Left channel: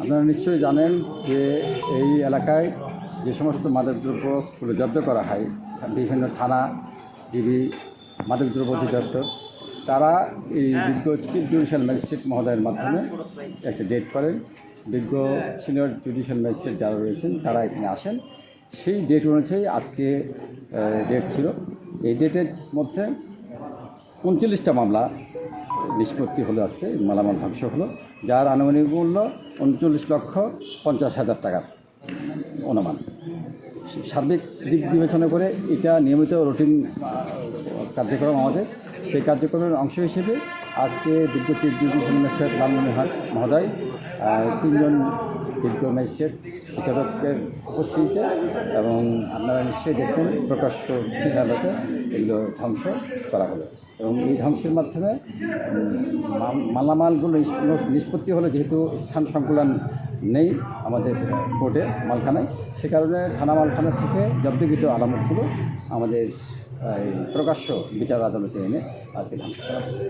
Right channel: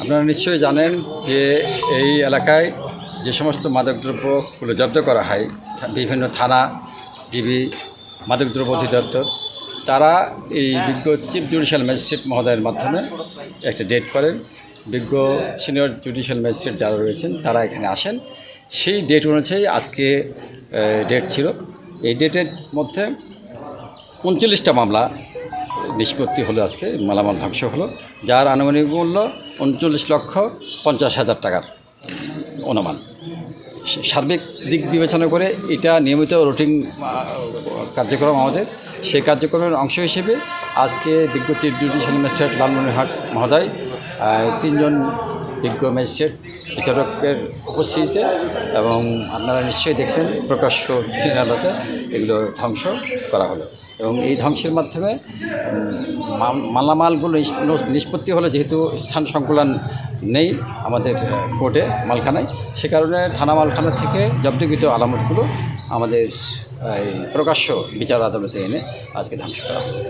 আপনারা নিশ্চয়ই জানেন যে এই এলাকায় যে সমস্ত মাদকদ্রব্যগুলো জব্দ করা হয়, বিভিন্ন থানা, ডিবি, মাদকদ্রব্য অধিদপ্তর, তারা এই বিজ্ঞ চিফ জুডিশিয়াল ম্যাজিস্ট্রেট মহোদয়ের মাধ্যমে একটা ডেট করেন। বিজ্ঞ সিনিয়র জুডিশিয়াল ম্যাজিস্ট্রেট যারা রয়েছেন তারা এখানে আসেন। সেই ডেট অনুযায়ী আজকে ডেট ছিল। এই ডেটের মধ্যে 39টা মামলা নিষ্পত্তি হলো, আজকে মালামাল ধ্বংস হলো, যার আনুমানিক মূল্য 39,50,000 টাকার অনুমান। সার্বিক দিক বিবেচনা করে এটা নিয়মিত রুটিন কার্যক্রম আমাদের। সেই কার্যক্রমের অংশ হিসেবে আজকে বিজ্ঞ চিফ জুডিশিয়াল ম্যাজিস্ট্রেট লালমনিরহাট মহোদয় 3 জন বিজ্ঞ ম্যাজিস্ট্রেট বিচারকের উপস্থিতিতে, এবং আপনারা নিশ্চয়ই দেখলেন প্রকাশ্য আদালতে এগুলো ধ্বংস করা হলো। এবং এই ধ্বংসের মাধ্যমে মালামালগুলো নিষ্পত্তি হলো, যেহেতু স্থান সংকুলন নেই আমাদের কোর্টে মালখানায়, সে কারণে থানা মালখানা থেকে জব্দকৃত আলামতগুলো আমাদের প্রকাশ্য বিচার আদালতে এনে আজকে ধ্বংস করা হলো।